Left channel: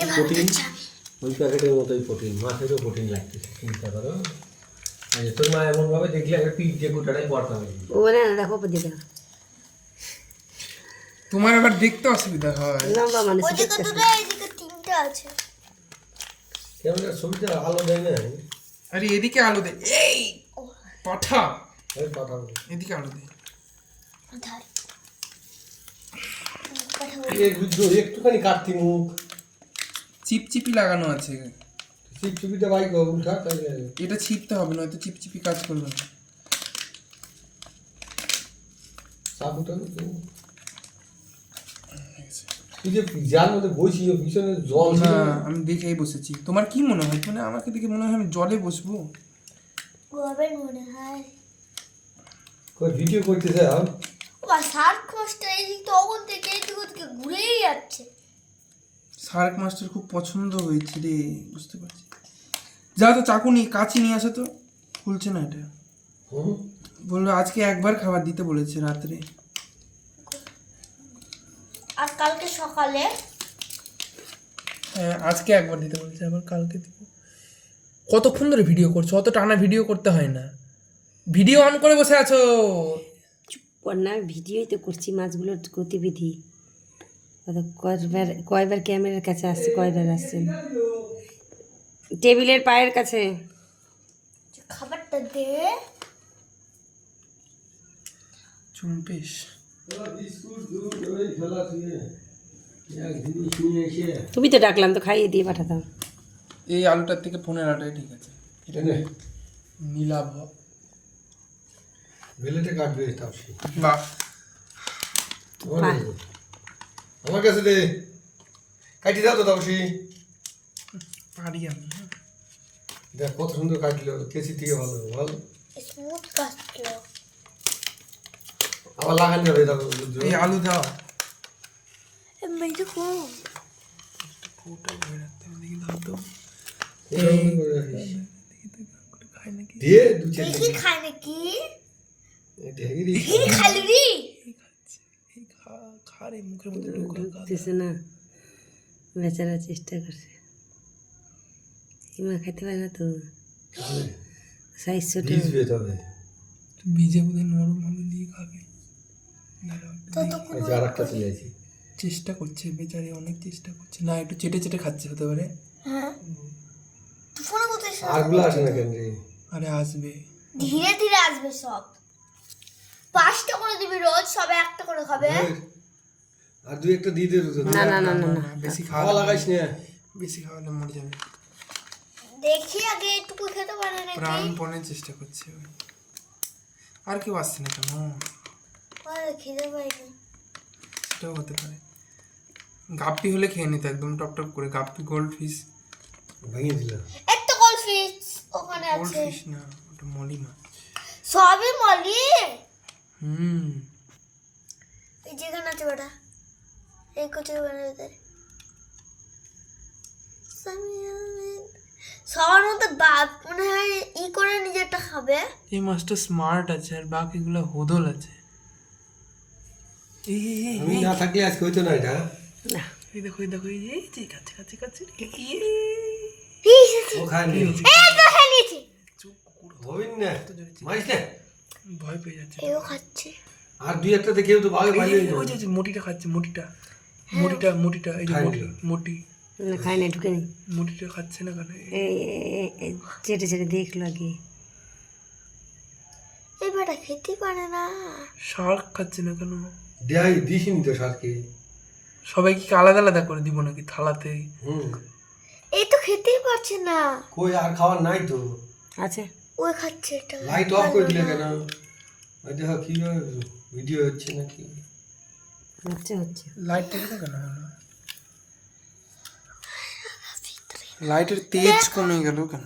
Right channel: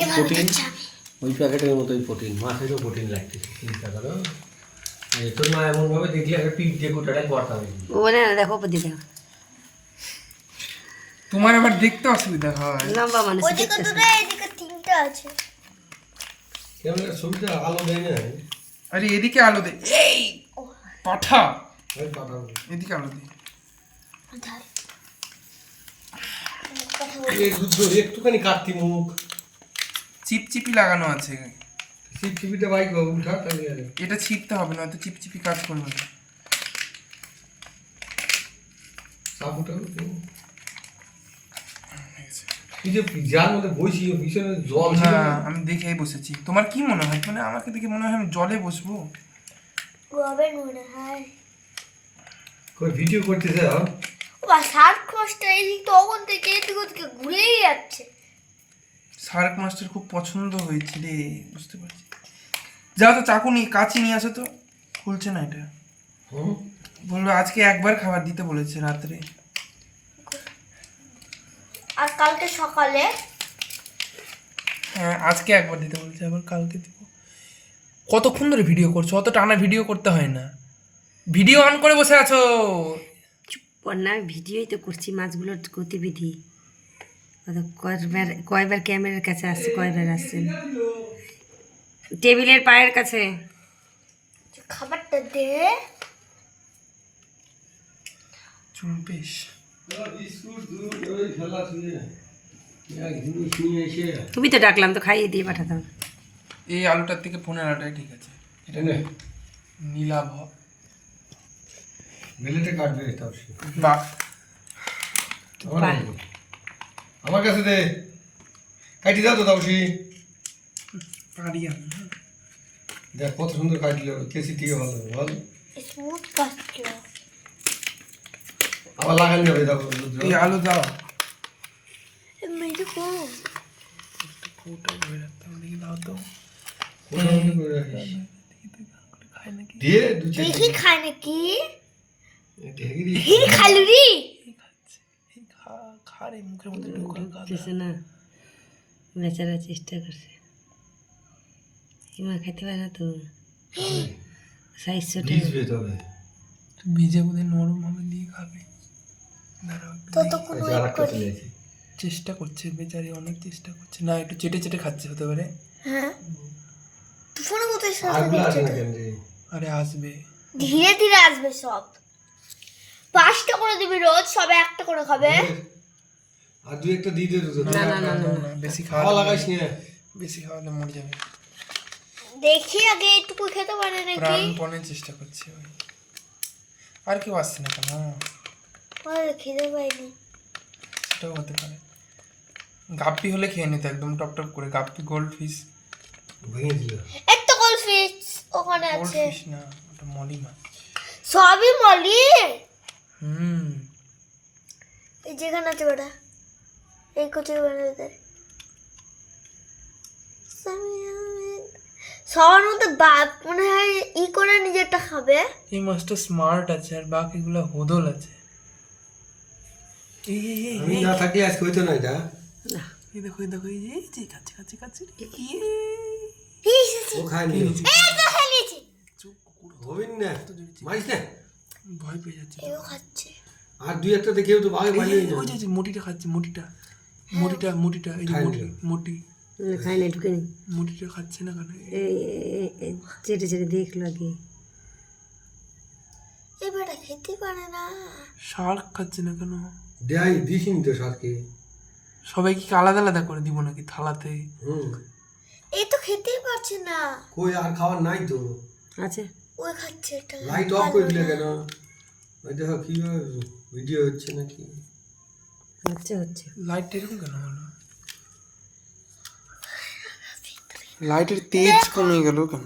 Protein ওই প্যাকেটের মতোই প্রোটিন, মাছেরও প্রোটিন লাগতেছে, চিন্তা করো। তোর মা এমনভাবে দেখলে একটা পিঠ দিয়ে গোটাটাই পড়তে হবে। ওরে না দেখো দিদি, তোমার আবার দেখতে অসুবিধা হয়। লম্বা মানুষ দেখতেছে। এদিকে তিনটা আছে। কেমন ছবিটা আলো দেয় না? আরে এদিকে আলো দে, এই পাঠা ওই কথা বলি। এদিকে আলো দে। ধার। একটুখানি কাটতি মুখ, চিপচিপি লাগানো আছে। চিপচিপিটা বাইক উঠা তাই গেলে এটা ছিপতে হবে না, তো চিপচিপি কাজ করবে না। সাবুটা তুই যে যার মধ্যে বসি পিছনে জল ছিল হ্যাঁ, আমি দেখেই বসেছি। তোমার কি মনে হয়, মানে আমাকে দেখে মনে হয় আমি জলে বসবো? গোবে মনে হয়। কই ভিডিও করতেছে আর বা সার্ক কষ্ট এদিক তখন থেকে এদিক ওদিকে ঘুরেই যাচ্ছে। শার্ক মাছটার খুব পছন্দ হয়েছে রে, বুঝতে পারছি। যাও তো চাকু নিয়ে কাঁচি নিয়ে আসো তো। খুলছে না এটা। বললো আজকে একবার খাবার দিতে বলেছে রাত্রে। আর কালকে সকালে হ্যাঁ, আজকে একবার দিতে বলেছে, আবার কালকে দিব। কতক্ষণ ধরে ভিডিও করছো? অত টানা ভিডিও করতে হয় না। ভিডিও অন করে বসে আছো। না ভিডিওই তো করছি, মাছগুলোর গতিবিধি কয়বার ক্যামেরার কাছে আসছে, কয়বার আসছেন টেবিলের পায়ের কাছে। খাবারটা দে। চুম্পিস তুমি তো ডাকলাম তো খাইয়ে দিয়ে পাঠাতাম। এই আলুটার থেকে 15টাই ঠিক আছে। এটা নীলাভ বেলেটে কাটবে তাও সে। বাহ, আমার কাছে দে, কাটি দাও তো তাও সে। পারি আমি। দেখ কত সুন্দর কাটলো, কেসি থেকে ভালো বল। স্মুথ কাটলো। আবার লাগানি যাবে দাও। এই আলু দাও। মেয়েটা কম। ফুটা ধরে রাখতে হবে, দেখি দাও তো। খাই নাকি? দিয়ে দু চার দেখি খায় নাকি? ঢেগিরি খালু রি। এই খাচ্ছে, এই খা রে, মুখের মধ্যে ঢোকা ঢুকতেছে না, বেচারা চেষ্টা করছে। হিমা খেতে পারে না তো, সাইজ ছোট। ভিজবে তবে। বীজে বোধহয় নরম হবে, দিয়ে খাবে। দাঁড়াও, একটু তো দেখি। তো এই যে আরেকটা চলে আসি। চেষ্টা করছে বেচারি, অনেক চেষ্টা করছে। না, একটু চেটে চেটে খাচ্ছে, হতে পারে। হ্যাঁ। তুই ফোন করতে আরগুলো আসে না কেন রে? আরে আসবে। ধীরে ধীরে আসবে সব। 5টা করে দিবি রোজ, সবে একটা করে খাবে। আর দুই একটা দিয়ে দে তো। না না না না না, বেশি খাওয়া খাওয়া লাগাইস না। বেশি খাওয়ালে মরে যাবে। দেখি আগে একটু খেতে পারে নাকি। প্রাণপণে চেষ্টা করছে ওই। আর কেউ আসছে না কেন? ওরে খেতে পাইনি। সেটাও হতে পারে। গাপ্পি হলে খেয়ে নিত একদম টপ টপ করে। গাপ্পি গোল্ড ফিশ। ভেঙে দিল। একটা গোল্ডফিশ ওখানে গোল্ড আছে। ফিশ না, ওটা মলি মাছ। সবই মলি। হুম, এই যেখানে আছে ওটা, এই কোটি বানাতে সবার মধ্যে বাপ মনে হয় ই করে নিজেরটা খাবে। এই মাছটা স্মার্ট আছে, আর বাকিগুলো হোদল আছে। এই এই, এই, আমি না থাকলে আজকে হইতো না এটা। না এই দেখো, এই দেখো, এই যে, এই যে কাছে কাছে কাছে। ও খায়নি। এই তো খেলেছি। চুপ, কুকুর হবেন না। মারিস না। ভয় পেয়ে যাচ্ছে। এও খাচ্ছে। আর দুই একটা দেখেও তো বাগে পাইলে ওই যে মোটিটা খাচ্ছে, মোটিটা মোটিটা মোটিটা, এই যে খায়নি। মোটি মোটি না খাই না, ঢুকেনি। মোটিটা খাচ্ছে না কেন? এই চেটে চেটে দেখলো আগে। এই বেটা খেতে পারে না। শার্ক খাচ্ছে না কেন? দেয় দিসনি তো সারকে। সবাইকে কি আলাদা আলাদা করে দিব নাকি থালাতে? এই তো খেতেই পারছে না। কই আর খাবার নাই তো। আছে ওই খাচ্ছে এটা। লাইট অফ করে দিলে কেন? ওই দেখো কি ভিডিও হচ্ছে নাকি? হচ্ছে হচ্ছে। লাইট এরকম কেন হলো? লাইটের তেজ কমে গেল কেন?